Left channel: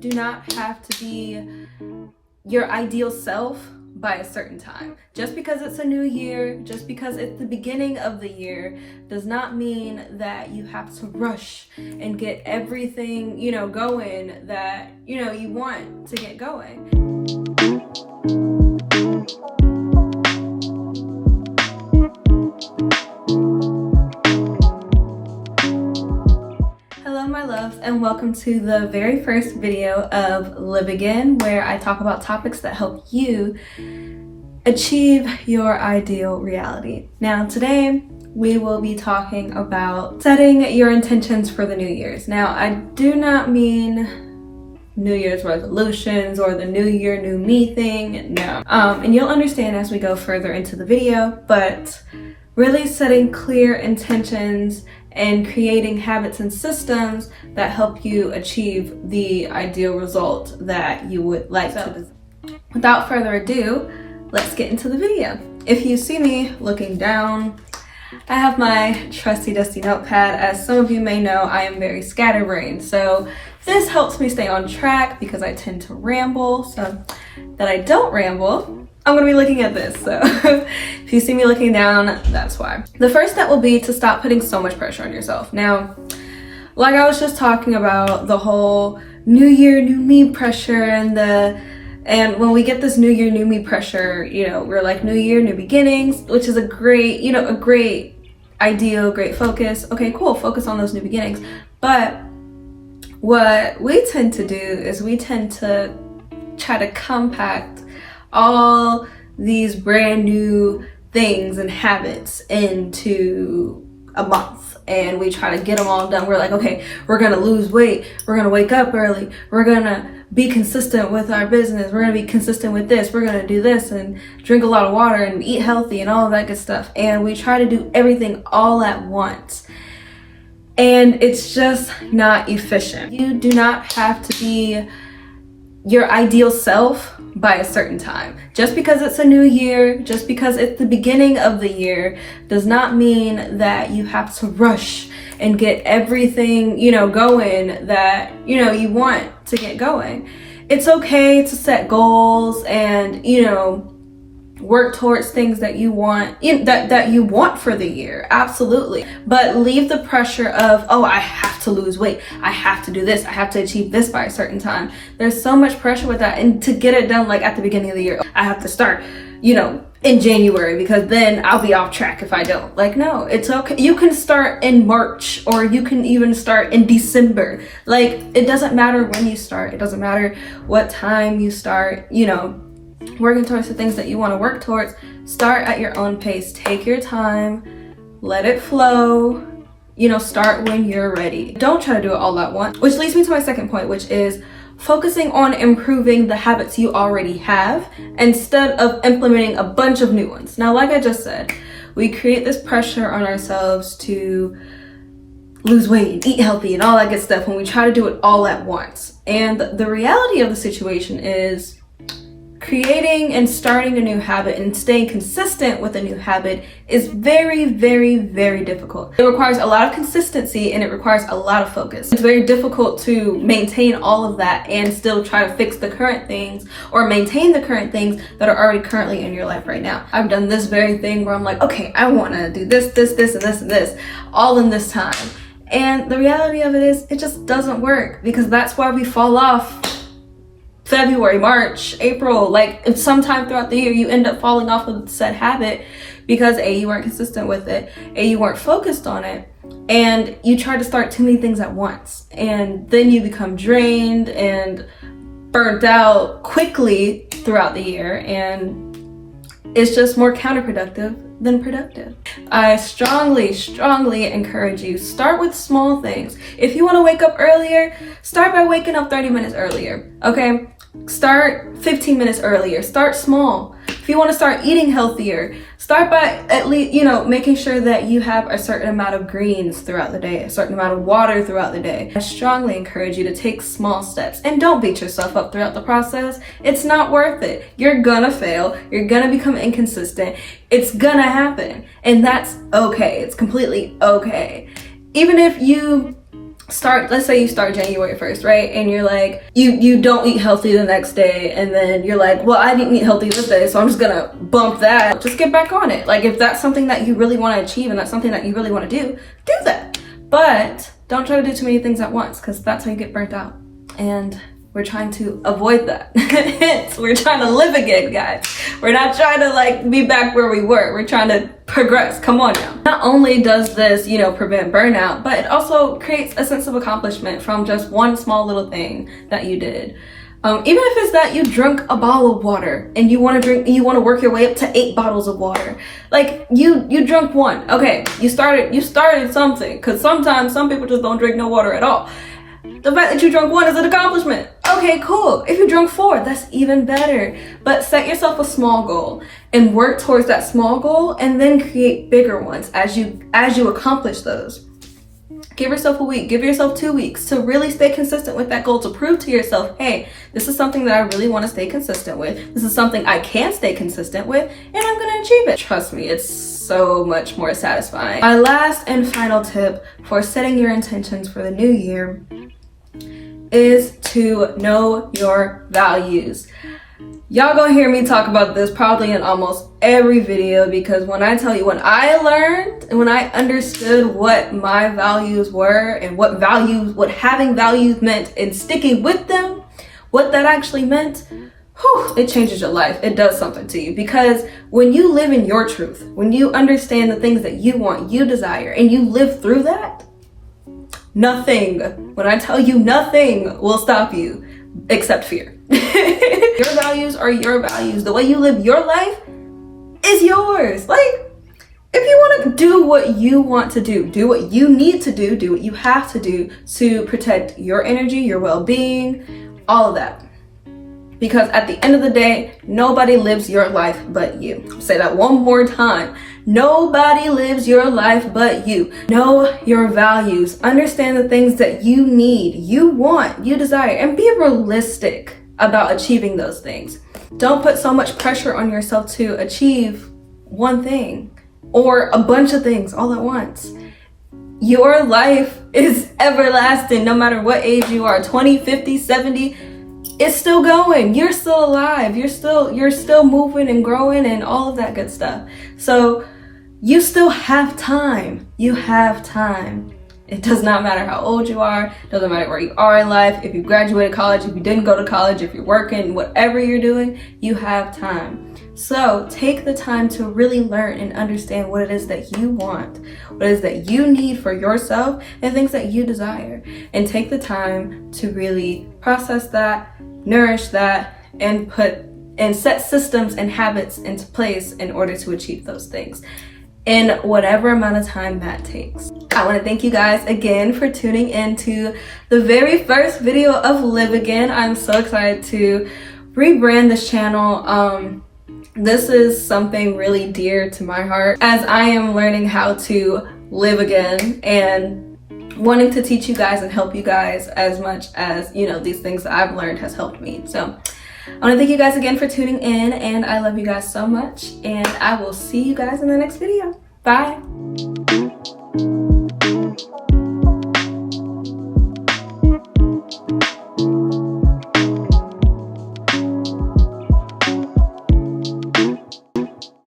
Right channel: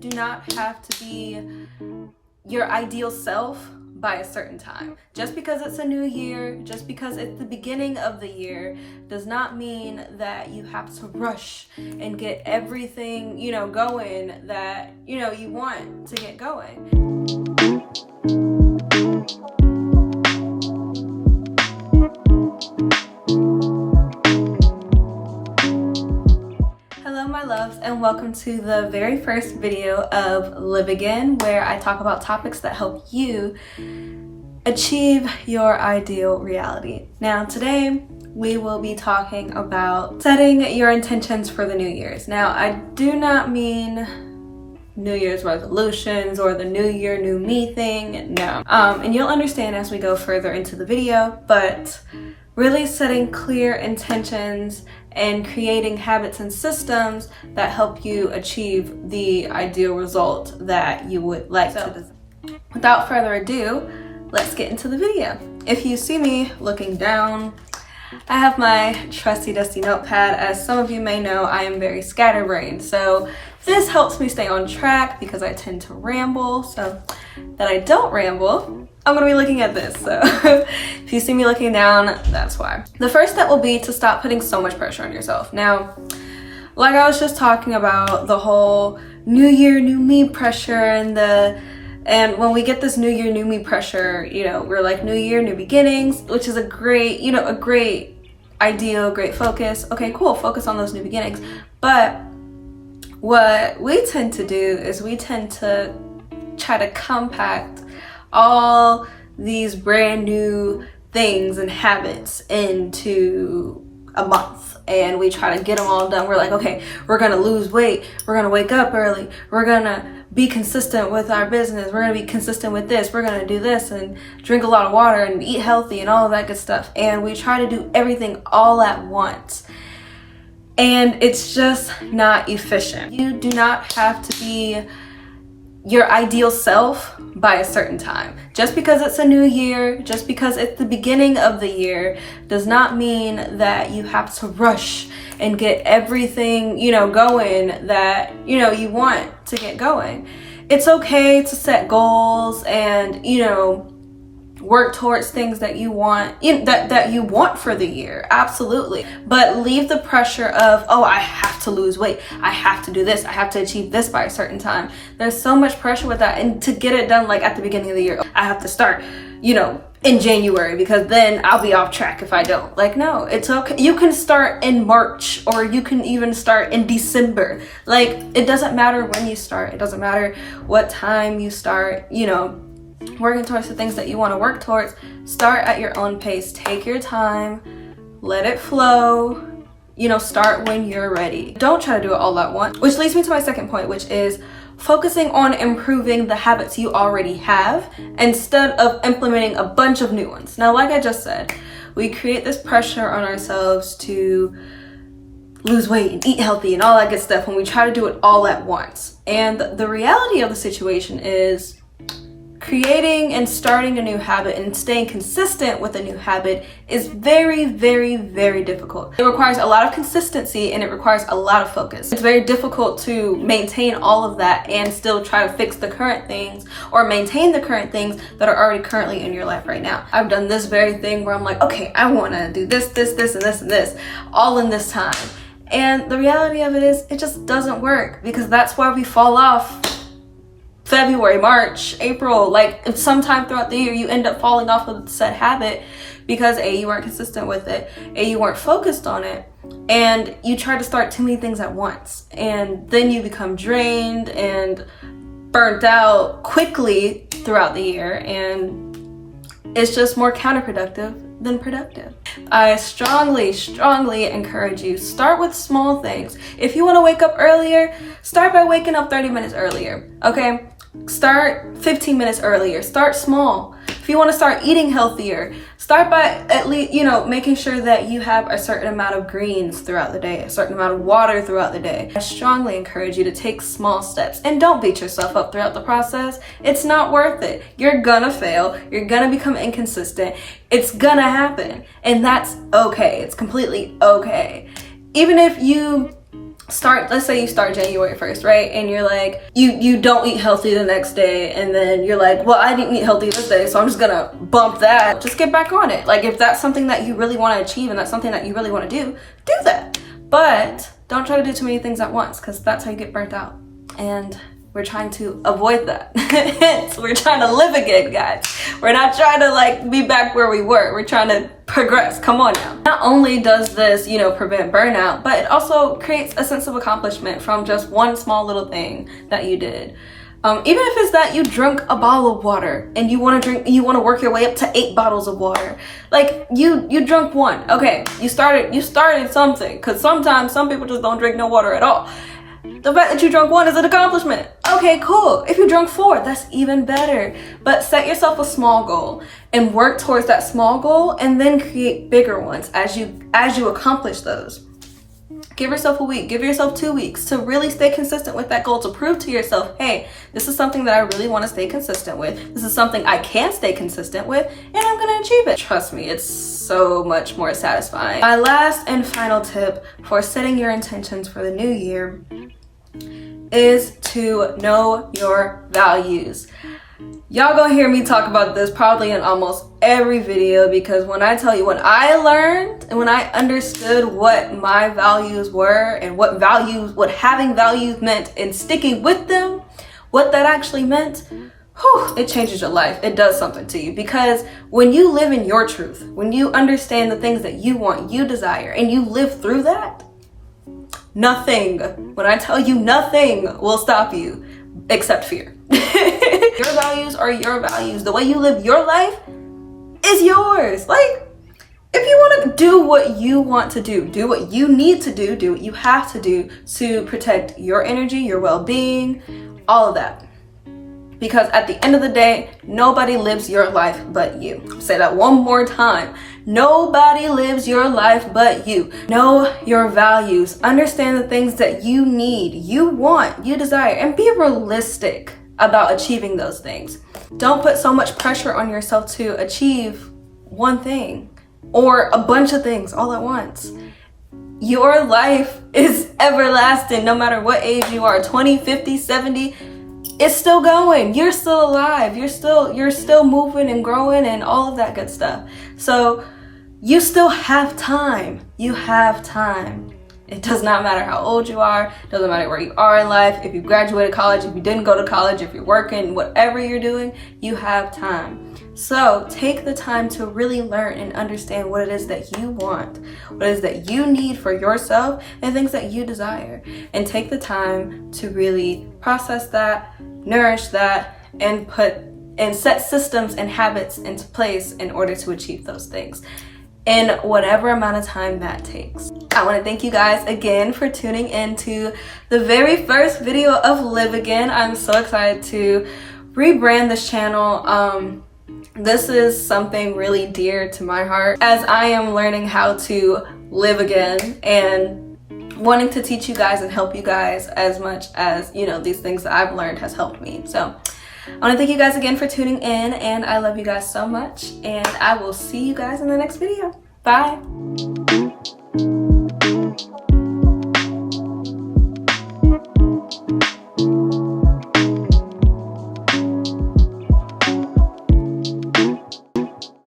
do not have to be your ideal self by a certain time. Just because it's a new year, just because it's the beginning of the year, does not mean that you have to rush and get everything, going that, you want to get going. Hello my loves, and welcome to the very first video of Live Again, where I talk about topics that help you achieve your ideal reality. Now today we will be talking about setting your intentions for the New Year's. Now I do not mean New Year's resolutions or the New Year, New Me thing, no. And you'll understand as we go further into the video, but really setting clear intentions and creating habits and systems that help you achieve the ideal result that you would like to. Without further ado, let's get into the video. If you see me looking down, I have my trusty dusty notepad. As some of you may know, I am very scatterbrained, so this helps me stay on track because I tend to ramble. So that I don't ramble, I'm gonna be looking at this. So if you see me looking down, that's why. The first step will be to stop putting so much pressure on yourself. Now, like I was just talking about, the whole New Year, New Me pressure and when we get this New Year, New Me pressure, we're like New Year, New Beginnings, which is a great, a great ideal, great focus. Okay, cool, focus on those new beginnings. But what we tend to do is we tend to try to compact all these brand new things and habits into a month, and we try to get them all done. We're like, okay, we're gonna lose weight, we're gonna wake up early, we're gonna be consistent with our business, we're gonna be consistent with this, we're gonna do this and drink a lot of water and eat healthy and all of that good stuff. And we try to do everything all at once, and it's just not efficient. You do not have to be your ideal self by a certain time. Just because it's a new year, just because it's the beginning of the year, does not mean that you have to rush and get everything, going that, you want to get going. It's okay to set goals and, work towards things that you want, that you want for the year, absolutely. But leave the pressure of, oh, I have to lose weight, I have to do this, I have to achieve this by a certain time. There's so much pressure with that, and to get it done like at the beginning of the year, I have to start, in January, because then I'll be off track if I don't. Like, no, it's okay. You can start in March, or you can even start in December. Like, it doesn't matter when you start. It doesn't matter what time you start, working towards the things that you want to work towards. Start at your own pace. Take your time, let it flow, start when you're ready. Don't try to do it all at once, which leads me to my second point, which is focusing on improving the habits you already have instead of implementing a bunch of new ones. Now, like I just said, we create this pressure on ourselves to lose weight and eat healthy and all that good stuff when we try to do it all at once. And the reality of the situation is creating and starting a new habit and staying consistent with a new habit is very, very, very difficult. It requires a lot of consistency and it requires a lot of focus. It's very difficult to maintain all of that and still try to fix the current things or maintain the current things that are already currently in your life right now. I've done this very thing where I'm like, okay, I want to do this, this, this, and this, and this, all in this time. And the reality of it is, it just doesn't work, because that's why we fall off February, March, April, like sometime throughout the year, you end up falling off of said habit because A, you weren't consistent with it, A, you weren't focused on it, and you try to start too many things at once. And then you become drained and burnt out quickly throughout the year, and it's just more counterproductive than productive. I strongly, strongly encourage you, start with small things. If you want to wake up earlier, start by waking up 30 minutes earlier, okay? Start 15 minutes earlier. Start small. If you want to start eating healthier, start by at least, making sure that you have a certain amount of greens throughout the day, a certain amount of water throughout the day. I strongly encourage you to take small steps, and don't beat yourself up throughout the process. It's not worth it. You're gonna fail. You're gonna become inconsistent. It's gonna happen, and that's okay. It's completely okay. Even if you let's say you start January 1st, right? And you're like, you don't eat healthy the next day, and then you're like, well, I didn't eat healthy this day, so I'm just gonna bump that. Just get back on it. Like, if that's something that you really want to achieve and that's something that you really want to do that. But don't try to do too many things at once, because that's how you get burnt out. And we're trying to avoid that. We're trying to live again, guys. We're not trying to like be back where we were. We're trying to progress. Come on now. Not only does this, prevent burnout, but it also creates a sense of accomplishment from just one small little thing that you did. Even if it's that you drank a bottle of water and you want to work your way up to 8 bottles of water. Like you drank one. Okay, you started something, because sometimes some people just don't drink no water at all. The fact that you drunk 1 is an accomplishment. Okay, cool. If you drunk 4, that's even better. But set yourself a small goal and work towards that small goal, and then create bigger ones as you accomplish those. Give yourself a week, give yourself 2 weeks to really stay consistent with that goal, to prove to yourself, hey, this is something that I really want to stay consistent with. This is something I can stay consistent with, and I'm going to achieve it. Trust me, it's so much more satisfying. My last and final tip for setting your intentions for the new year is to know your values. Y'all gonna hear me talk about this probably in almost every video, because when I tell you, when I learned and when I understood what my values were and what having values meant and sticking with them, what that actually meant, it changes your life. It does something to you, because when you live in your truth, when you understand the things that you want, you desire, and you live through that, when I tell you, nothing will stop you except fear. Your values are your values. The way you live your life is yours. Like, if you want to do what you want to do what you need to do what you have to do to protect your energy, your well-being, all of that. Because at the end of the day, nobody lives your life but you. I'll say that one more time. Nobody lives your life but you. Know your values. Understand the things that you need, you want, you desire, and be realistic about achieving those things. Don't put so much pressure on yourself to achieve one thing or a bunch of things all at once. Your life is everlasting, no matter what age you are, 20, 50, 70. It's still going. You're still alive. You're still moving and growing and all of that good stuff. So you still have time. You have time. It does not matter how old you are. It doesn't matter where you are in life. If you graduated college, if you didn't go to college, if you're working, whatever you're doing, you have time. So take the time to really learn and understand what it is that you want, what it is that you need for yourself, and things that you desire. And take the time to really process that, nourish that, and set systems and habits into place in order to achieve those things in whatever amount of time that takes. I want to thank you guys again for tuning in to the very first video of Live Again. I'm so excited to rebrand this channel. This is something really dear to my heart as I am learning how to live again and wanting to teach you guys and help you guys as much as, these things that I've learned has helped me. So I want to thank you guys again for tuning in, and I love you guys so much, and I will see you guys in the next video. Bye.